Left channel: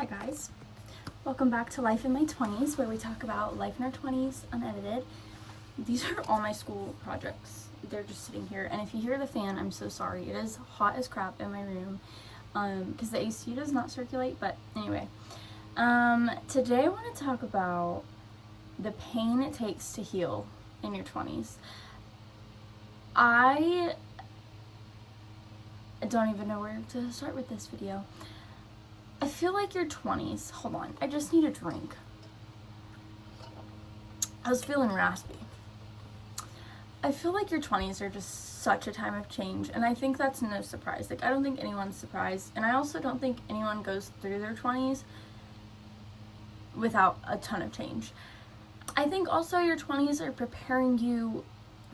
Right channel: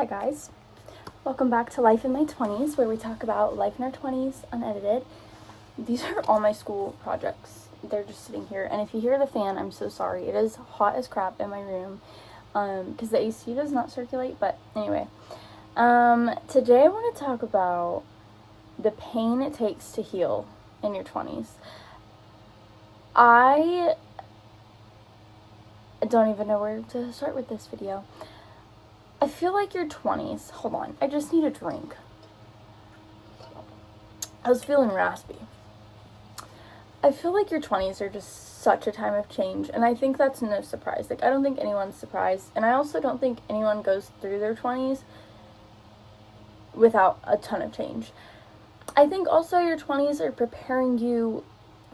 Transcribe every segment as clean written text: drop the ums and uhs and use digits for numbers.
Hi guys, welcome back to Life in My 20s, where we talk about life in our 20s unedited. These are all my school projects. They're just sitting here, and if you hear the fan, I'm so sorry. It is hot as crap in my room because the AC does not circulate, but anyway. Today I want to talk about the pain it takes to heal in your 20s. I don't even know where to start with this video. I feel like your 20s, hold on, I just need a drink. I was feeling raspy. I feel like your 20s are just such a time of change, and I think that's no surprise. Like, I don't think anyone's surprised, and I also don't think anyone goes through their 20s without a ton of change. I think also your 20s are preparing you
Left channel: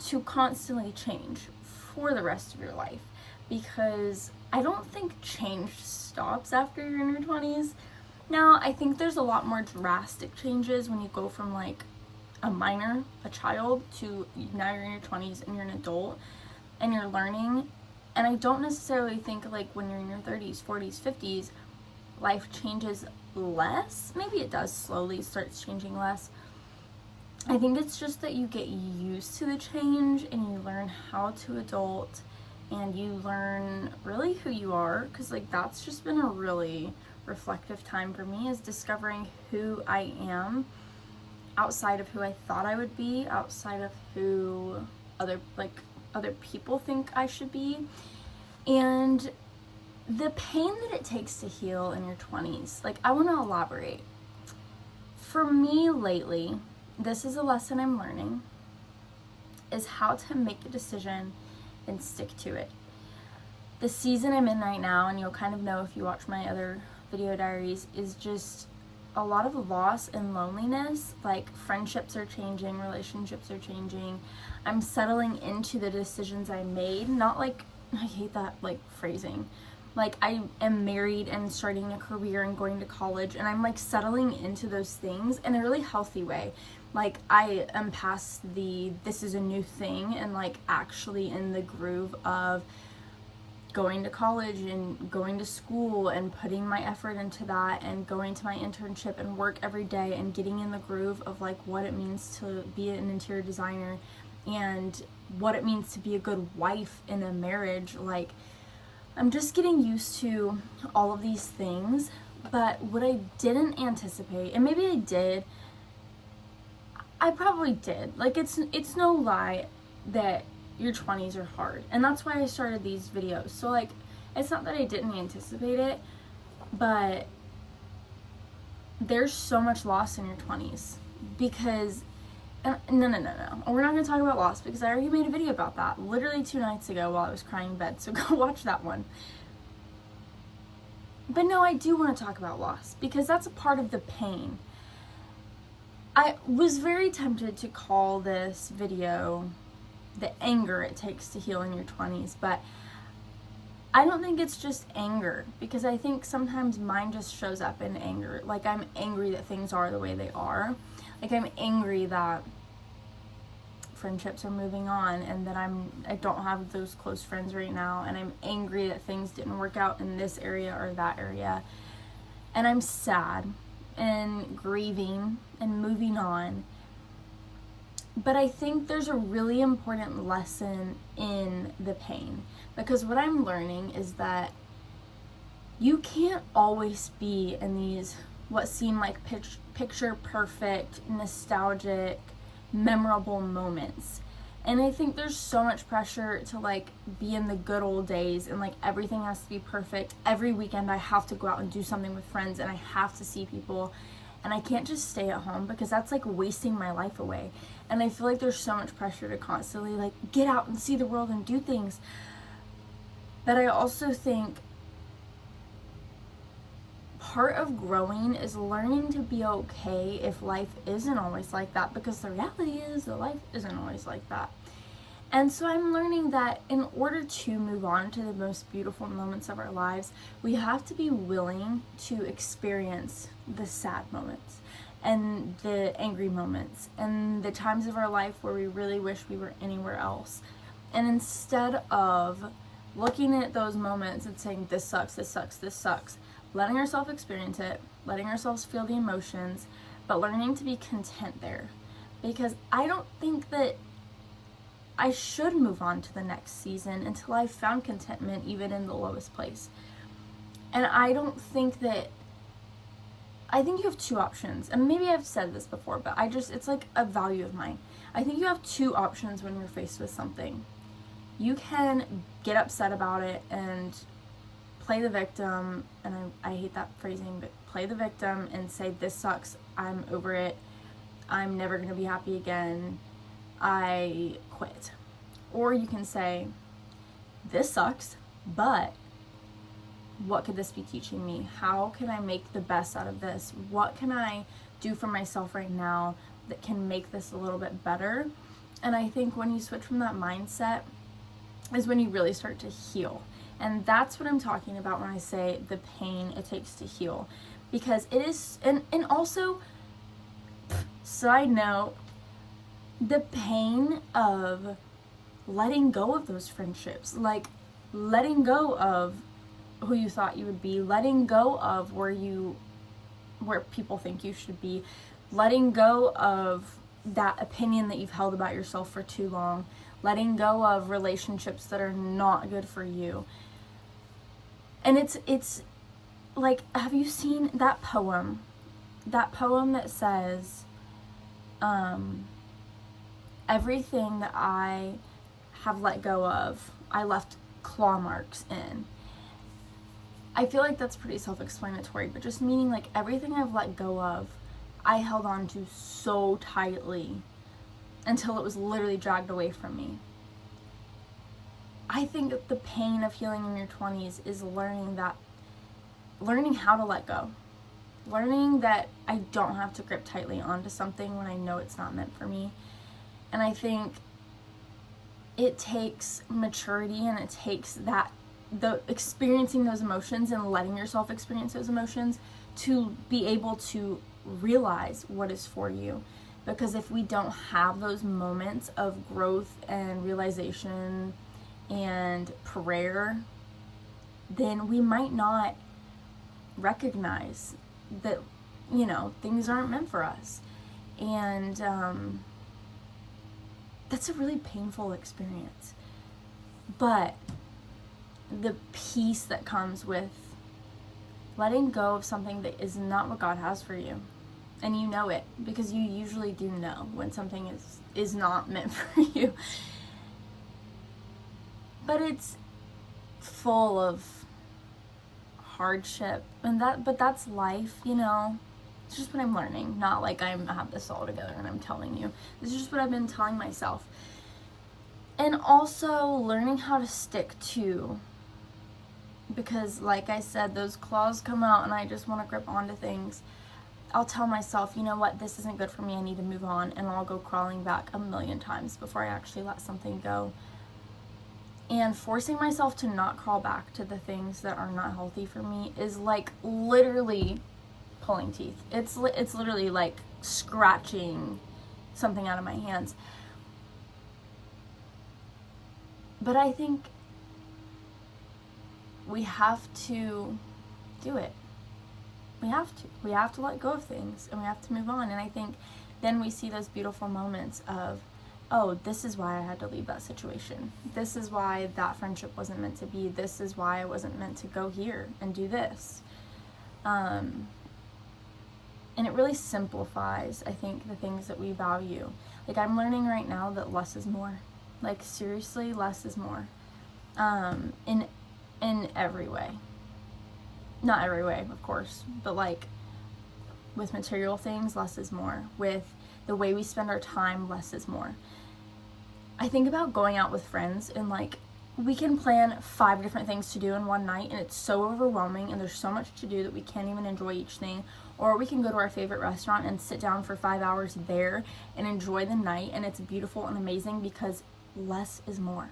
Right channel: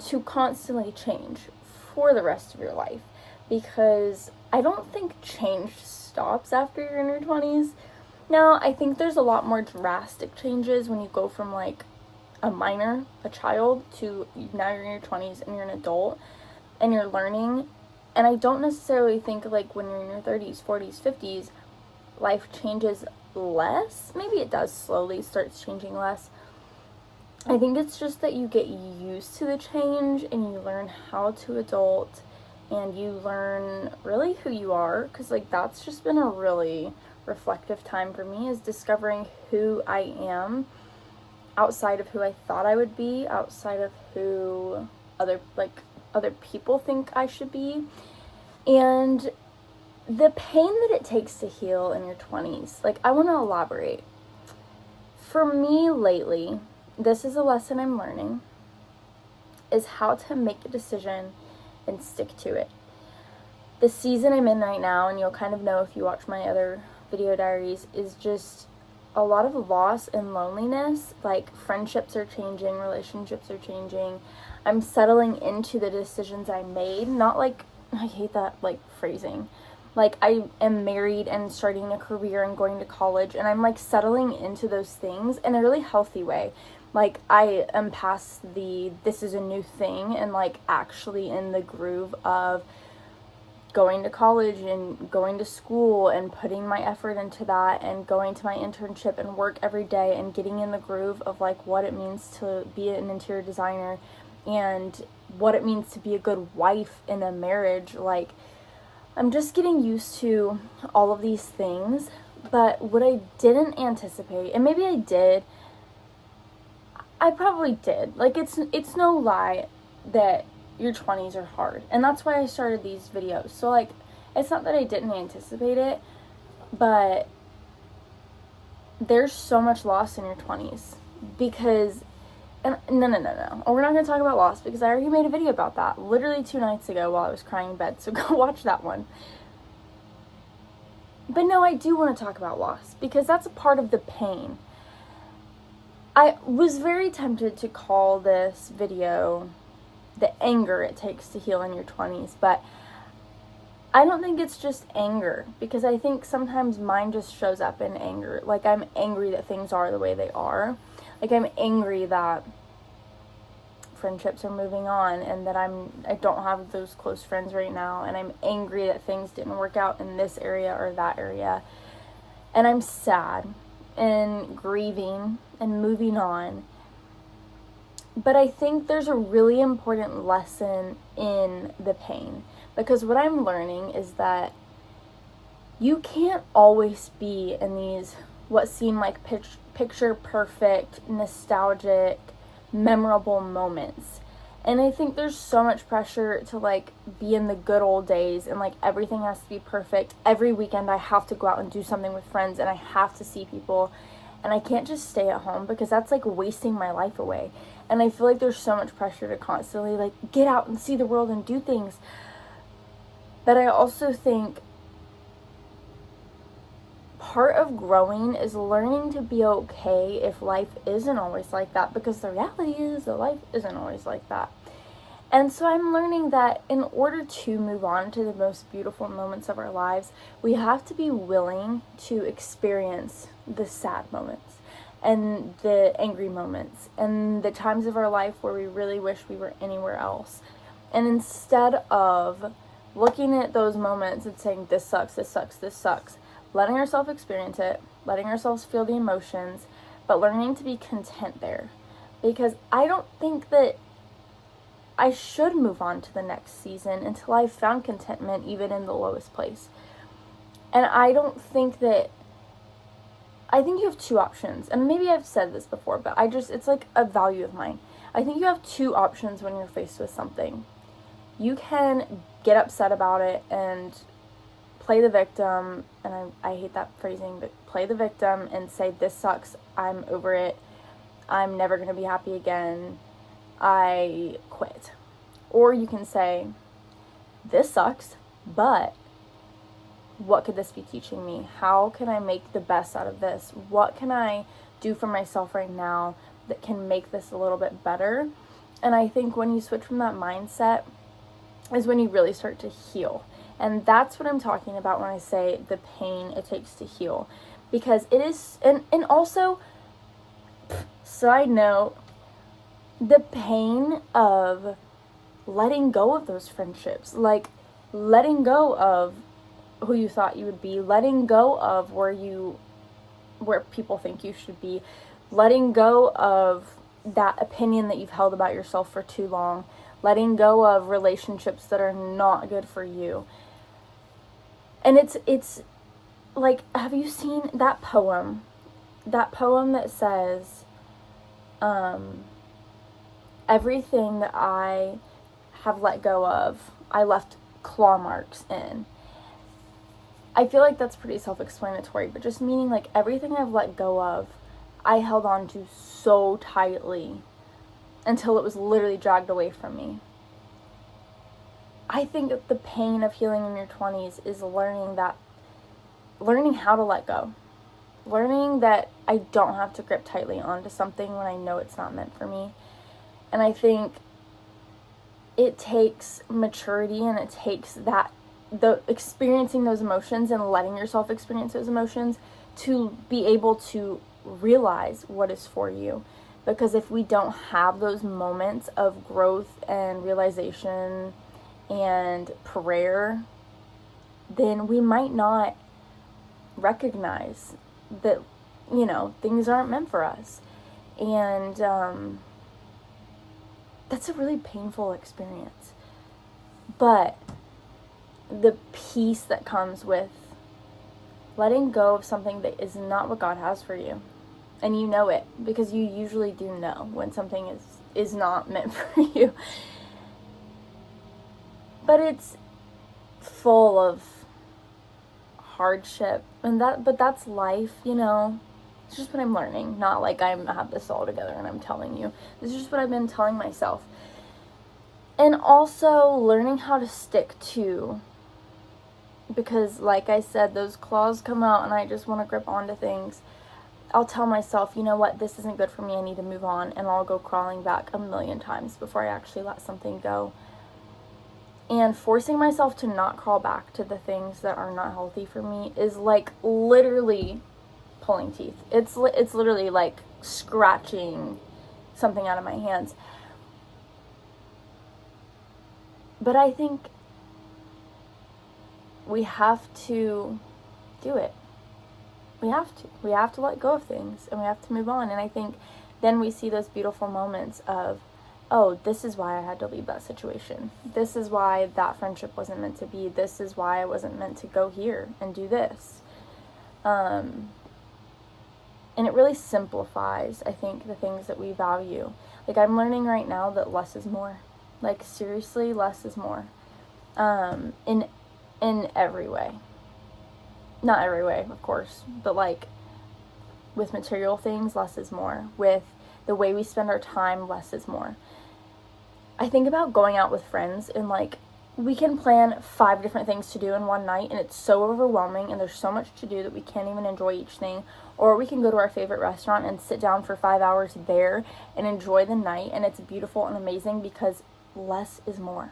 to constantly change for the rest of your life, because I don't think change stops after you're in your 20s. Now, I think there's a lot more drastic changes when you go from like a child, to now you're in your 20s and you're an adult and you're learning. And I don't necessarily think like when you're in your 30s, 40s, 50s, life changes less. Maybe it does slowly starts changing less. I think it's just that you get used to the change and you learn how to adult and you learn really who you are, because like that's just been a really reflective time for me, is discovering who I am outside of who I thought I would be, outside of who other people think I should be. And the pain that it takes to heal in your 20s, like I want to elaborate. For me lately, this is a lesson I'm learning, is how to make a decision and stick to it. The season I'm in right now, and you'll kind of know if you watch my other video diaries, is just a lot of loss and loneliness. Like, friendships are changing, relationships are changing. I'm settling into the decisions I made. Not like, I hate that like phrasing. Like, I am married and starting a career and going to college, and I'm like settling into those things in a really healthy way. Like, I am past this is a new thing, and like actually in the groove of going to college and going to school and putting my effort into that and going to my internship and work every day and getting in the groove of like what it means to be an interior designer and what it means to be a good wife in a marriage. Like, I'm just getting used to all of these things. But what I didn't anticipate, and maybe I did, I probably did. Like, it's no lie that your 20s are hard. And that's why I started these videos. So, like, it's not that I didn't anticipate it, but there's so much loss in your 20s. Because, and no. We're not going to talk about loss, because I already made a video about that literally 2 nights ago while I was crying in bed. So go watch that one. But no, I do want to talk about loss, because that's a part of the pain. I was very tempted to call this video the anger it takes to heal in your 20s, but I don't think it's just anger, because I think sometimes mine just shows up in anger. Like, I'm angry that things are the way they are. Like, I'm angry that friendships are moving on and that I don't have those close friends right now, and I'm angry that things didn't work out in this area or that area, and I'm sad and grieving and moving on. But I think there's a really important lesson in the pain, because what I'm learning is that you can't always be in these what seem like picture perfect, nostalgic, memorable moments. And I think there's so much pressure to like be in the good old days, and like everything has to be perfect. Every weekend I have to go out and do something with friends, and I have to see people, and I can't just stay at home, because that's like wasting my life away. And I feel like there's so much pressure to constantly like get out and see the world and do things. But I also think part of growing is learning to be okay if life isn't always like that, because the reality is that life isn't always like that. And so I'm learning that in order to move on to the most beautiful moments of our lives, we have to be willing to experience the sad moments and the angry moments and the times of our life where we really wish we were anywhere else. And instead of looking at those moments and saying, this sucks, letting ourselves experience it, letting ourselves feel the emotions, but learning to be content there. Because I don't think that I should move on to the next season until I've found contentment even in the lowest place. And I think you have two options. And maybe I've said this before, but it's like a value of mine. I think you have two options when you're faced with something. You can get upset about it and play the victim, and I hate that phrasing, but play the victim and say, this sucks, I'm over it, I'm never going to be happy again, I quit. Or you can say, this sucks, but what could this be teaching me? How can I make the best out of this? What can I do for myself right now that can make this a little bit better? And I think when you switch from that mindset is when you really start to heal. And that's what I'm talking about when I say the pain it takes to heal. Because it is, and also, side note, the pain of letting go of those friendships, like letting go of who you thought you would be, letting go of where people think you should be, letting go of that opinion that you've held about yourself for too long, letting go of relationships that are not good for you. And it's like, have you seen that poem that says, everything that I have let go of, I left claw marks in. I feel like that's pretty self-explanatory, but just meaning like everything I've let go of, I held on to so tightly until it was literally dragged away from me. I think that the pain of healing in your 20s is learning how to let go. Learning that I don't have to grip tightly onto something when I know it's not meant for me. And I think it takes maturity, and it takes the experiencing those emotions and letting yourself experience those emotions to be able to realize what is for you. Because if we don't have those moments of growth and realization and prayer, then we might not recognize that, things aren't meant for us. And that's a really painful experience. But the peace that comes with letting go of something that is not what God has for you, and you know it, because you usually do know when something is not meant for you. But it's full of hardship, but that's life, It's just what I'm learning, not like I have this all together and I'm telling you. This is just what I've been telling myself. And also learning how to stick to, because like I said, those claws come out and I just want to grip onto things. I'll tell myself, you know what, this isn't good for me, I need to move on, and I'll go crawling back a million times before I actually let something go. And forcing myself to not crawl back to the things that are not healthy for me is like literally pulling teeth. It's literally like scratching something out of my hands. But I think we have to do it. We have to let go of things, and we have to move on. And I think then we see those beautiful moments of, oh, this is why I had to leave that situation. This is why that friendship wasn't meant to be. This is why I wasn't meant to go here and do this. And it really simplifies, I think, the things that we value. Like, I'm learning right now that less is more. Like, seriously, less is more. In every way. Not every way, of course, but like with material things, less is more. With the way we spend our time, less is more. I think about going out with friends, and like we can plan 5 different things to do in one night, and it's so overwhelming, and there's so much to do that we can't even enjoy each thing. Or we can go to our favorite restaurant and sit down for 5 hours there and enjoy the night, and it's beautiful and amazing because less is more.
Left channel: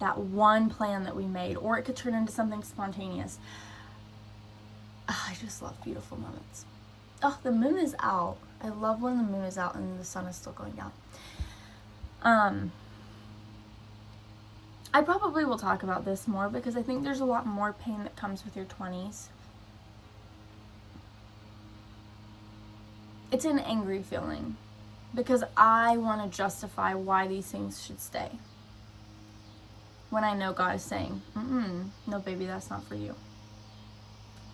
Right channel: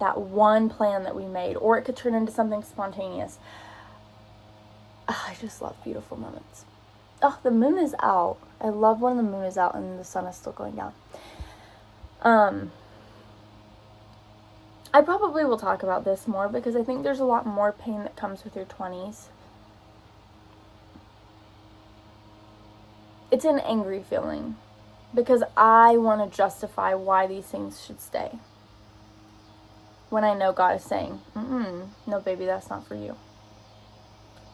That one plan that we made, or it could turn into something spontaneous. I just love beautiful moments. Oh, the moon is out. I love when the moon is out and the sun is still going down. I probably will talk about this more because I think there's a lot more pain that comes with your 20s. it's an angry feeling because I want to justify why these things should stay. When I know God is saying, no, baby, that's not for you.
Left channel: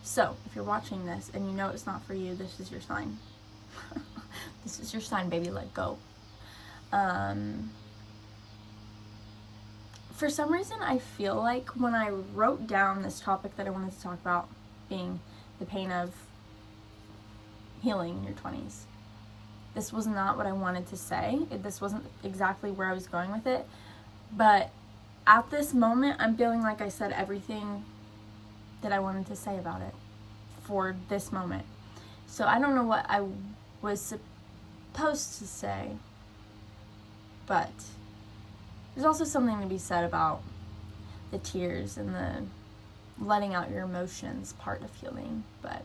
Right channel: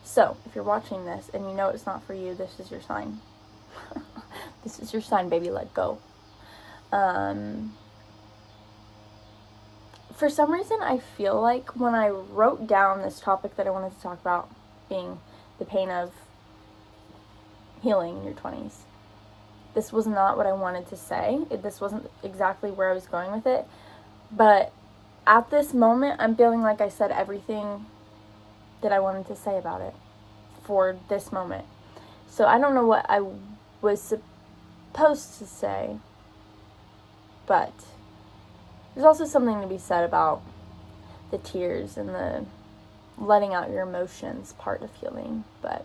So, if you're watching this and you know it's not for you, this is your sign. This is your sign, baby, let go. For some reason, I feel like when I wrote down this topic that I wanted to talk about, being the pain of healing in your 20s, this was not what I wanted to say. This wasn't exactly where I was going with it. But at this moment, I'm feeling like I said everything that I wanted to say about it for this moment. So I don't know what I was supposed to say, but there's also something to be said about the tears and the letting out your emotions part of healing. But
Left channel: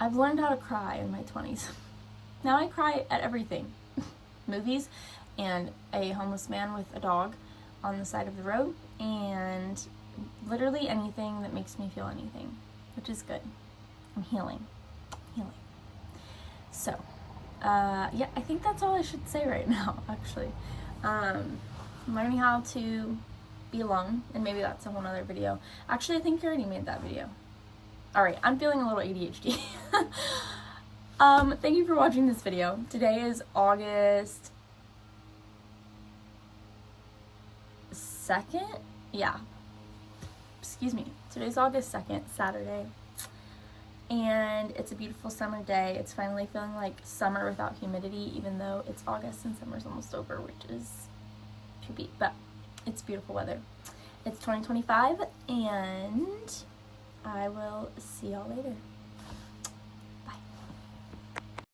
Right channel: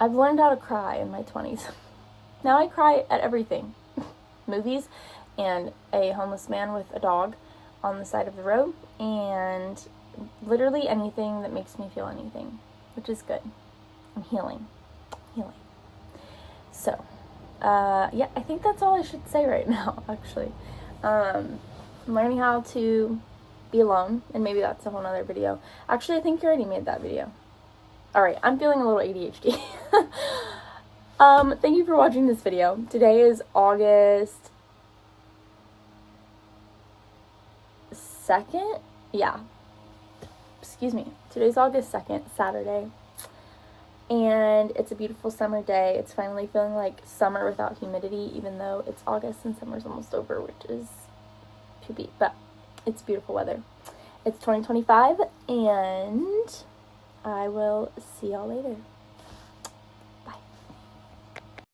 I've learned how to cry in my 20s. Now I cry at everything. Movies and a homeless man with a dog on the side of the road, and literally anything that makes me feel anything, which is good. I'm healing. So, yeah, I think that's all I should say right now, actually. I'm learning how to be alone, and maybe that's a whole nother video. Actually, I think you already made that video. Alright, I'm feeling a little ADHD. Thank you for watching this video. Today is August 2nd? Yeah. Excuse me. Today's August 2nd, Saturday. And it's a beautiful summer day. It's finally feeling like summer without humidity, even though it's August and summer's almost over, which is poopy, but it's beautiful weather. It's 2025, and I will see y'all later.